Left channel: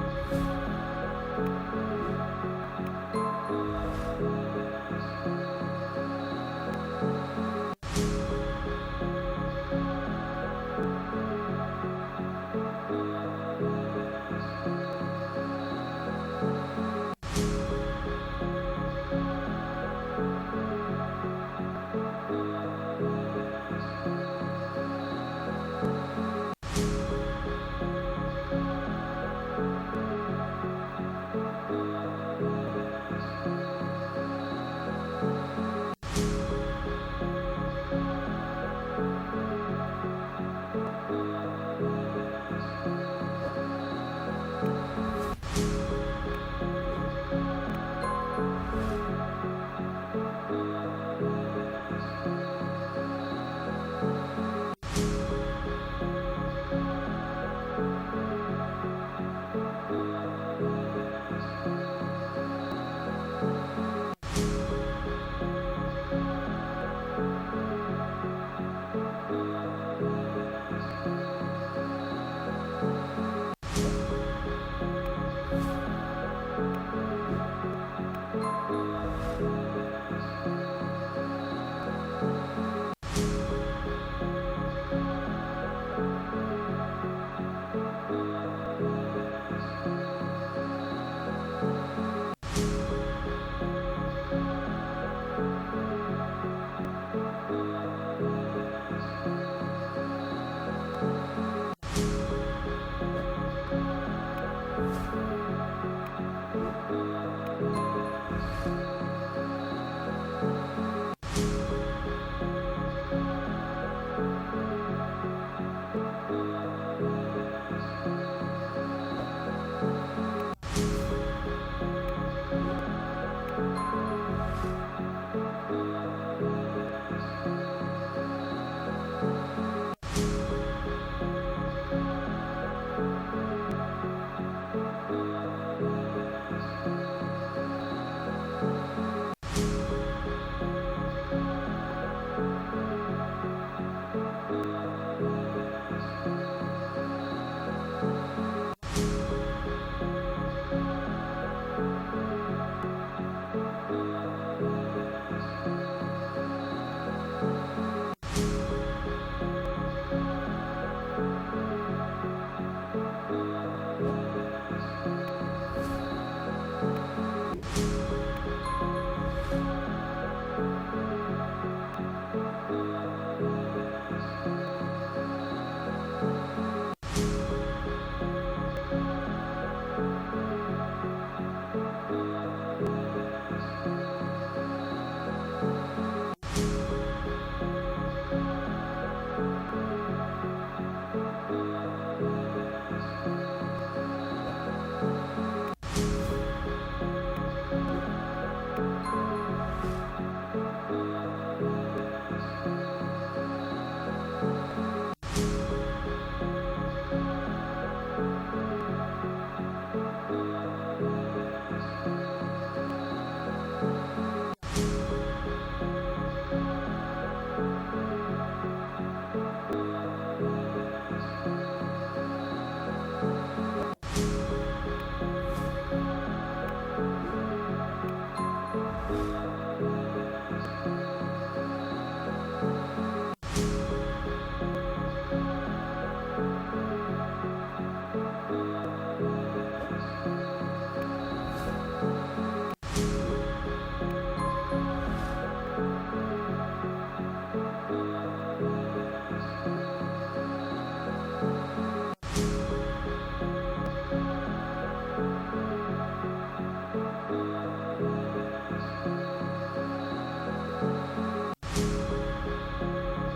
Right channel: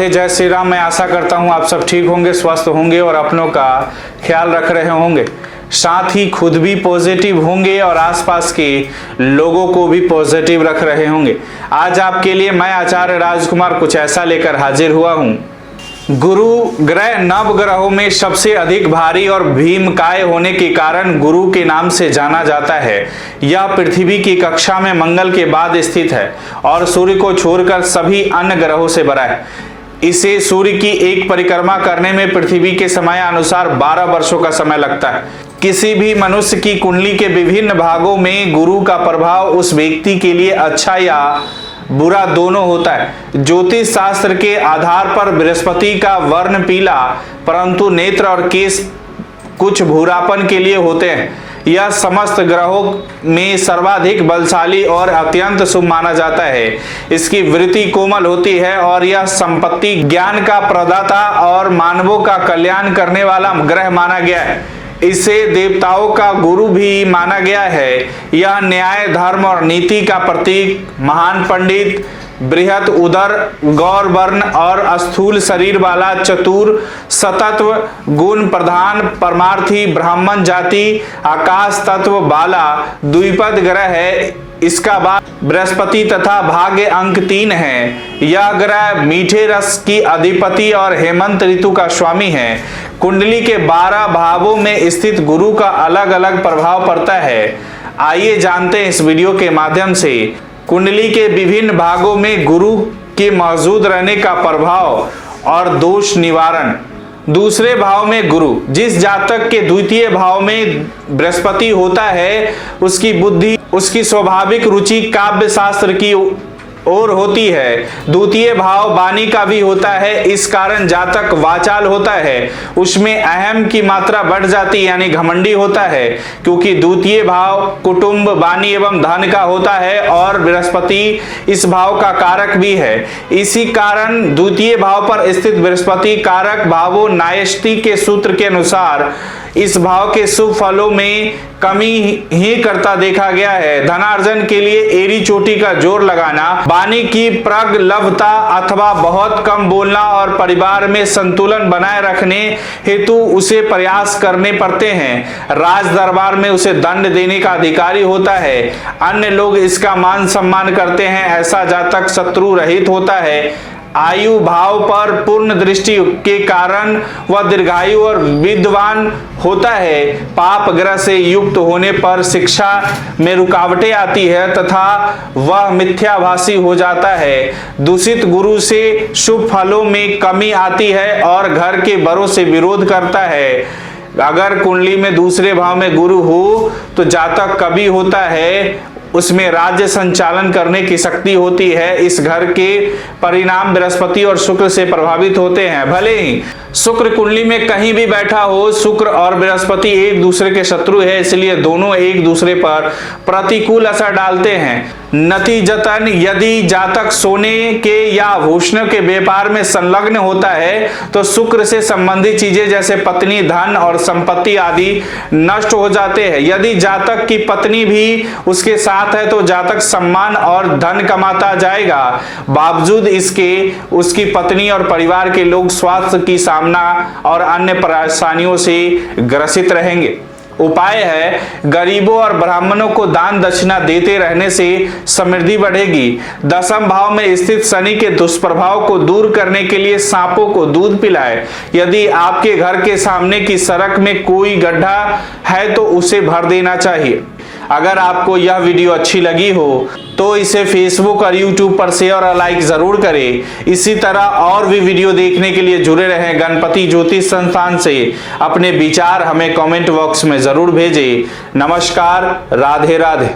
राधे, जय श्री राम। मैं आशा करता हूँ आप सब ठीक होंगे, स्वस्थ होंगे और अपनों का ख्याल रख रहे होंगे, साथ ही खुद भी पॉजिटिव होंगे और आसपास के लोगों को भी पॉजिटिव रख रहे होंगे। आज आपके लिए मैं आचार्य राजकुमार कुछ ऐसा लेकर हाजिर हुआ हूँ। गुरु ग्रह नव ग्रहों में सबसे अधिक भारी और भीमकाय होने के कारण गुरु के नाम से जाना जाता है। यह पृथ्वी की कक्षा में मंगल के बाद स्थित है और सूर्य को छोड़कर सभी अन्य ग्रहों से बड़ा है। इसे सूर्य की एक परिक्रमा करने में पृथ्वी के समयानुसार 12 वर्षों का समय लगता है। किसी भी मनुष्य की कुंडली के विभिन्न भागों में गुरु का प्रभाव उस व्यक्ति के लिए अच्छा या बुरा दोनों होता है। ज्योतिष शास्त्र के आधार पर बृहस्पति का वर्ण पीला परंतु नेत्र और केस कुछ भूरापन के लिए होते हैं। यह समस्त ग्रहों में सर्वाधिक बलशाली और अत्यंत शुभ माना जाता है। इसकी वृत्ति कोमल होती है और यह संपत्ति, ज्ञान का प्रदाता और मानवों का कल्याण करने वाला ग्रह माना गया है। इसे देवताओं का गुरु भी माना गया है। यह न्याय, धर्म और नीति का प्रतीक, महान पंडित, बृहत उदर, गौर वर्ण और स्थूल शरीर वाला, चतुर, सतत्व गुण प्रधान, परमार्थी, ब्राह्मण जाति, आकाश तत्व वाला द्विपद ग्रह है। इसका बाद बृहस्पति तथा भाग्य अंक 3 है। यह ग्रह मीठे रस की अधिपति और हेमंत ऋतु का स्वामी है। कुंडली के 12 भावों में स्थित गुरु का अलग अलग प्रभाव पड़ता है। आइए जानते हैं इस वीडियो के माध्यम से कुंडली के विभिन्न भागों में गुरु के मौजूद रहने का प्रभाव और दोष निवारण। दूसरे भाव में गुरु, जिस जातक के द्वितीय भाव में बृहस्पति होता है उसकी बुद्धि, उसकी स्वाभाविक रुचि काव्य शास्त्र की ओर होती है। द्वितीय भाव वाणी का भी होता है, इस कारण जातक वाचाल होता है, उसमें अहम की मात्रा बढ़ जाती यानी घमंडी होता है, क्योंकि द्वितीय भाव कुटुंब, वाणी एवं धन का होता है और बृहस्पति इस भाव का कारक भी है। इसी कारण द्वितीय भाव पर स्थित बृहस्पति कारक भावों न्यायष्टि के सूत्र के अनुसार इस भाव के शुभ फलों में कमी ही करता देखा गया है। धनार्जन के लिए एड़ी चोटी का जोर लगाना, वाणी की प्रगल्भता अथवा बहुत कम बोलना और परिवार में संतुलन बनाए रखने हेतु उसे प्रयास करने पड़ते हैं। राज दरबार में उसे दंड देने का अधिकारी होता है। अन्य लोग इसका मान सम्मान करते हैं। ऐसा जातक शत्रु रहित होता है। आयु भाव पर पूर्ण दृष्टि के कारण वह दीर्घायु और विद्वान होता है। पाप ग्रह से युक्त होने पर शिक्षा में रुकावटें आती है तथा वह मिथ्याभाषी हो जाता है। दूषित गुरु से शुभ फलों में कमी आती है और घर के बड़ों से विरोध करता है। अगर कुंडली में दूसरे भाव में गुरु हो तो जातक कवि होता है, उसमें राज्य संचालन करने की शक्ति होती है। इस घर के परिणाम बृहस्पति और शुक्र से प्रभावित होते हैं। भले ही शुक्र कुंडली में कहीं भी बैठा हो, शुक्र और बृहस्पति एक दूसरे के शत्रु है, इसलिए दोनों एक दूसरे पर प्रतिकूल असर डालते हैं। नतीजतन यदि जातक सोने के या आभूषणों के व्यापार में संलग्न होता है तो शुक्र से संबंधित चीजें जैसे पत्नी, धन और संपत्ति आदि नष्ट हो जाते हैं। यदि जातक की पत्नी भी उसके साथ है तो जातक सम्मान और धन कमाता जाएगा। बावजूद इसके उसकी पत्नी और परिवार के लोग स्वास्थ्य की सामना और अन्य परेशानियों से ग्रसित रहेंगे। उपाय है, गरीबों और ब्राह्मणों को दान दक्षिणा देते रहने से समृद्धि बढ़ेगी। दशम भाव में स्थित शनि के दुष्प्रभाव को दूर करने के लिए सांपों को दूध पिलाए। यदि आपके घर के सामने की सड़क में कोई गड्ढा है तो उसे भर देना चाहिए। अगर आपको यह वीडियो अच्छी लगी हो तो इसे फेसबुक और यूट्यूब पर शेयर और लाइक जरूर करें। इसी तरह और भी वीडियो देखने के लिए जुड़े रहें गणपति ज्योतिष संस्थान से। अपने विचार हमें कमेंट बॉक्स में जरूर भेजें। नमस्कार, राधे राधे।